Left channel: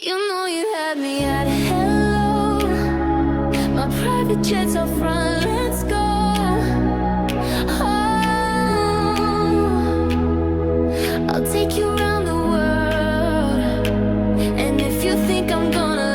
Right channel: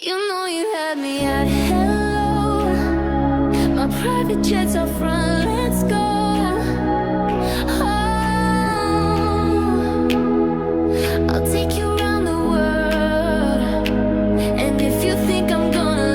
You know you had me at hello. My private jet's out front, let's go. Oh, I'll take you around the world. And if you think I'm gonna